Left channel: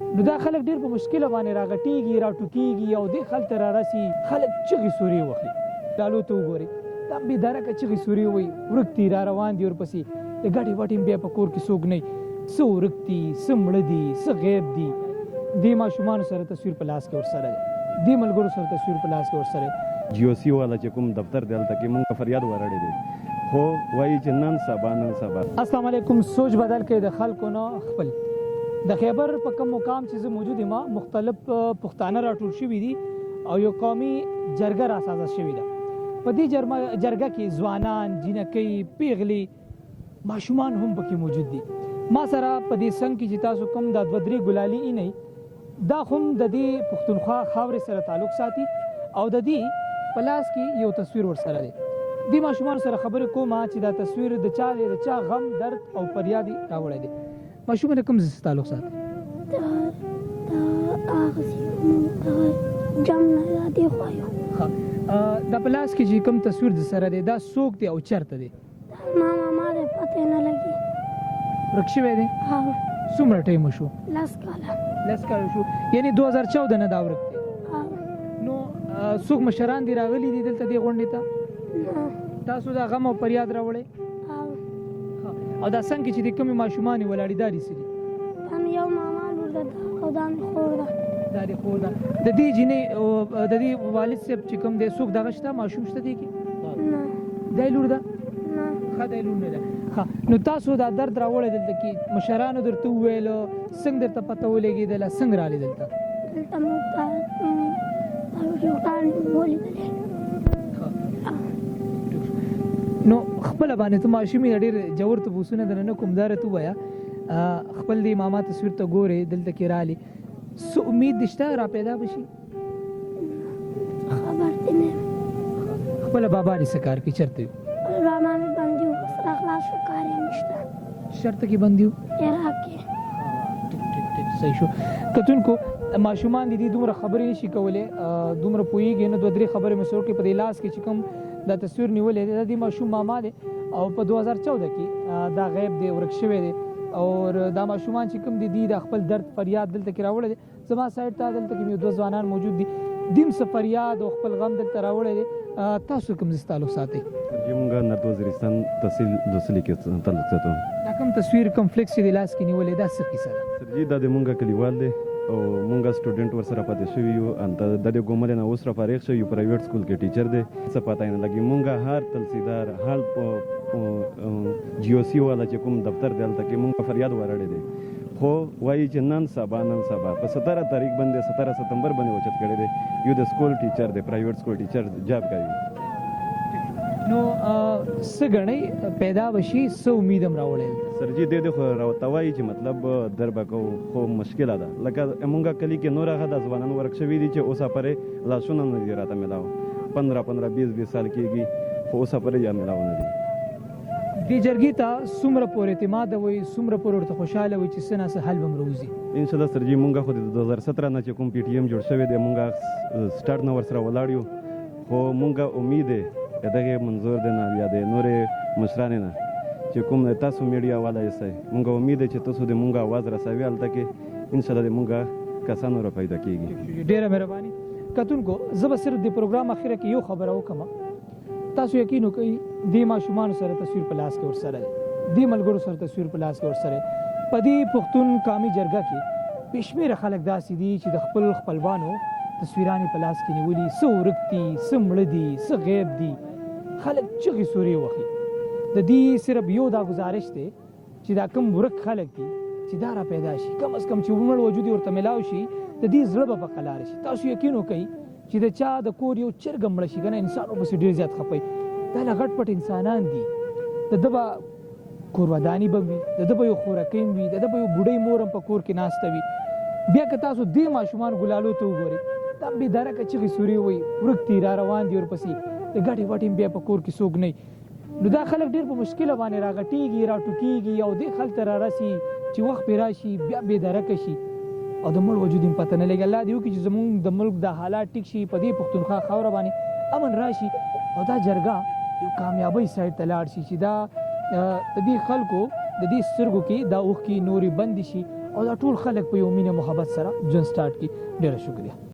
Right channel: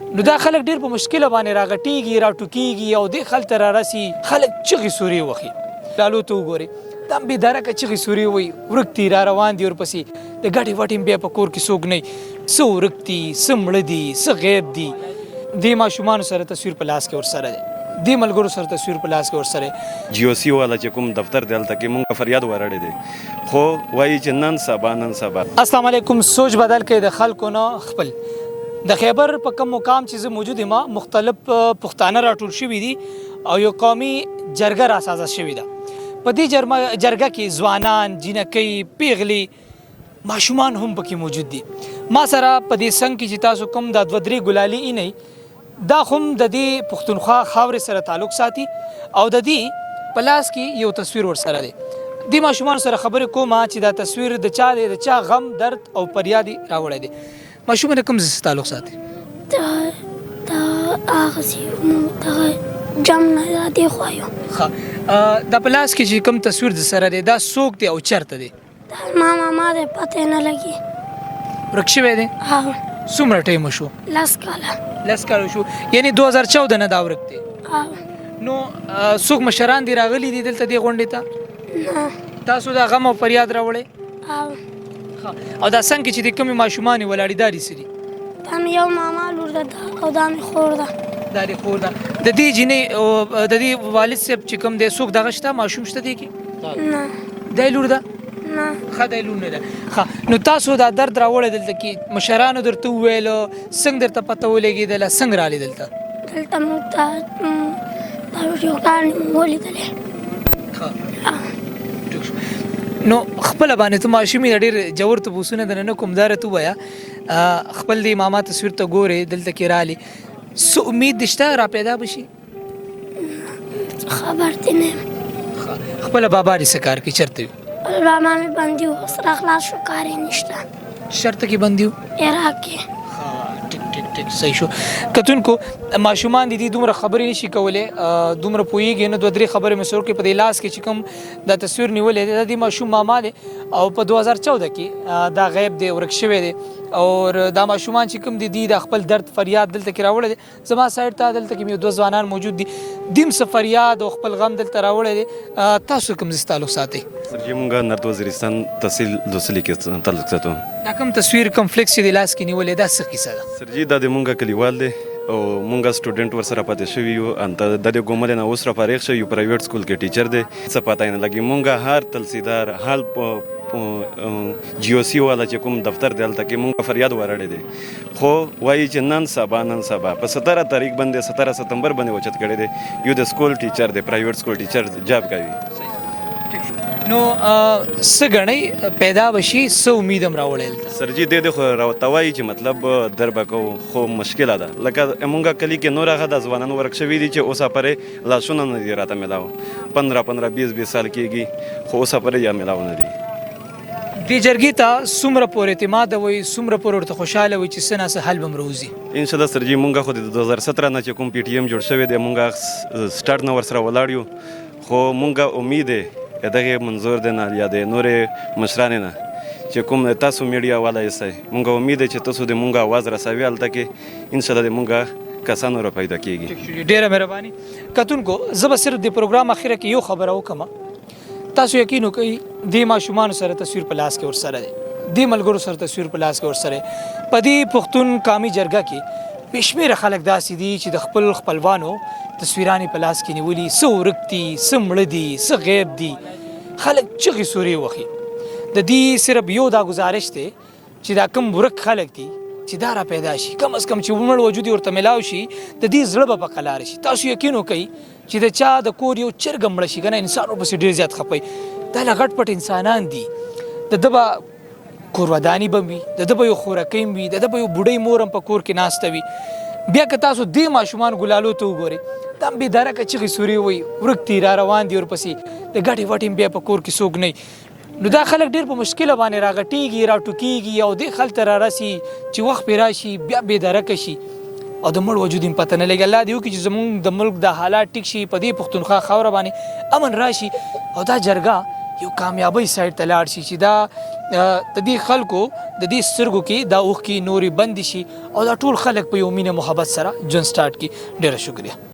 نو دا خلک ډېر په مشکله باندې راغټېږي راټوکېږي او دې خل ته رارسي خلک چغې سورې وهي لالو ته وګورئ دا هم بېدرکه چغې سورې وایي ورک دي را روان دي ورپسې د ګټې وټې بیا په کور کې څوک نه وي څه ورک دي څه مړه دي څه غیب دي دې ماشومانو سره تصویر په لاس کې ورسره دی دې ملګرو سره تصویر په لاس کې ورسره جی او سی والا چې کوم دفتر دی هلته کې مونږ فریاد ورړی دی خو وایي چې نن سبا السلام علیکم سوچ بدل کې د خلکو نه خپل د خیبر په کوم مقام چې زه موجود یم مختلف پښتانه راټول شوي دي او یو قومي جرګه راسازه شوې ده په دې جرګه کې ځوانان جینکۍ پیغلې ماشومان هم پکې موجود دي ما سره په دې څنګ کې چې تاسو کوم دا دوه درې ګلالي نه دا هم د دې پښتونخوا خاورې سره تعلق ساتي او د دې په لاس کې یو تصویر ورسره دی دې ماشومان سره خبرې کوم چې دا تصویر د چا دی د چا غم درد او فریاد راوړی دی ماشومان کوم تعلق ساتي دا هغه جام نه دی خو یو دا په لاس کې چې کوم تصویر د سره دی دا څوک دی او چرته دی ما دې پته نه لګي ورک شوی دی څومره ټایم شو لس کاله شو یعنی 2014 نه دا ورک دی نو څوک مشران دی راغلي دي دلته دی غونډې ته تاسو دا غم او فریاد راوړی او دا څنګه چې د کومې ماشومانې ولاړې دا دي سري دا مې یو ماما لور ده او دا مې خور ده دا دې خور ده د دې جینۍ د دې والد صاحب چې کوم دی څوک دغه شته ماشوم شته دی کې نه دی لور ده نه ښه دی لور نه ده ښه نو تاسو دا درد راوړی دلته کې مشرانو درته وویل څنګه درته پته ولګېدله څنګه رالې دلته موږ ته دا ویډیوګانې مو ولیدلې نو خپل باندې ته ماشومې ډېر جوړ تپوسونه درنه کوم دا راته ووایه خپل دې ماما تصویر ته ګورې دلته کې رالې څه امید دې شته را پیدا به شي خبر دې نه یم خپله بابا دې څه کار کوي چېرته وي بابا مې بندي و سره خلاص شو کار یې نشته چېرته کې بندي و عراق کې ټیک صحیح شو کتونکو ماشومان دي دومره خبرې نشي کولی دومره پوهېږي نه دوه درې خبرې مې سر کې په دې لاس کې چې کوم دا تصویر نیولی دی دا د ماشوم ماما دی او په 2014 کې دا غیب دی ورک شوی دی او دا ماشومان چې کوم دي دا خپل درد فریاد دلته کې راوړی دی زما سایډ ته دلته کې مې دوه ځوانان موجود دي دیم څه فریاد او خپل غم دلته راوړی دی تاسو کوم ځای تعلق ساتئ سر جی مونږ نرد وزیرستان تحصیل دوسلي کې تعلق ساتو دا کوم تصویر کوم فلیکس چې د لاس کې نیولې دا څه کیسه ده سر جی دا د مونږ کلیوال دی او مونږ سټوډنټ ورسره پاتې شوي یو انت د دې ګومل نه اوس را فارغ شوی یو پرایویټ سکول کې ټیچر دی څه پاتای نه لګي مونږ هر تلسیدار حال جی او سی والا چې کوم دفتر دی هلته کې مونږ فریاد ورړی دی خو وایي چې نن سبا په 17 تاریخ باندې 17 ستمبر باندې اوچت کړی دی یو د سکول ټیچر دی پرایویټ سکول ټیچر جاب کوي نو څه ګڼئ پیدا به شي څه امید هم راوړی سر جی دې خو راته وایي چې مطلب در به کوو خو مشکله ده لکه مونږ کلي کې نور هغه د ځوانان ورک شوي دي چې اوسه پرې لاسونه نه دي راته میلاو 15 20 سال کېږي خو اوسه پرې یا میلاو نه دي دې جرګې ته څومره پورې اعتماد وي څومره پورې ورته خوشحاله وي چې څه نه څه حل به م راوځي انشاءالله سر جی مونږ خو د 2017 نه چې کوم پی ټي ایم جوړ شوی دی مونږ سټارټ نه ورسره ولاړ یو خو مونږ امید دی دغه منظور دی نه یا د نورې مشرانې نه چې کوم تاسو میډیا والا یې مونږ امید دی چې تاسو د مونږ اواز رسوي هلته کې انشاءالله د مونږ کسانو را پیدا کېږي ډېره مهرباني کتونکو زه به صرف د پروګرام اخره کې یو خبره وکړم تاسو یقین وکړئ دې ماشومانو سره تصویر په لاس کې ورسره دی دې ملګرو سره تصویر په لاس کې ورسره په دې پښتون قومي جرګه کې بې شمېره خلک داسې دي چې د خپل خپلوانو تصویرانې په لاس کې نیولي څه ورک دي څه مړه دي څه غیب دي خلک چغې سورې وهي د دې صرف یو دا گزارش دی چې دا کم ورک خلک دي چې دا را پیدا شي کم از کم چې مړ وجود ورته میلاو شي د دې زړه به په قلار شي تاسو یقین وکئ چې د چا د کور یو چرګ مړه شي که نه انسان ورپسې ډېر زیات خفئ دا له غټ پټ انسانان دي د ده به کور وداني به وي د ده به یو خورکۍ وي د ده به یو بوډۍ مور هم په کور کې ناسته وي بیا که تاسو دې ماشومان ګلالو ته وګورئ دا هم بېدرکه چغې سورې وایي ورک دي را روان دي ورپسې د ګټې وټې بیا په کور کې څوک نه نو دا خلک ډېر په مشکله باندې راغټېږي راټوکېږي او دې خل ته رارسي چې وخت پرې راشي بیا بېدرکه شي او د مړ وجود هم پته نه لګي الله دې وکړي چې زمونږ د ملک د حالات ټیک شي په دې پښتونخوا خاوره باندې امن راشي او دا جرګه یو کامیابۍ سایډ ته لاړ شي چې دا د دې خلکو د دې سترګو کې دا اوښکې نورې بندې شي او دا ټول خلک په یو مینه محبت سره ژوند سټارټ کړي. ډېره شکریه.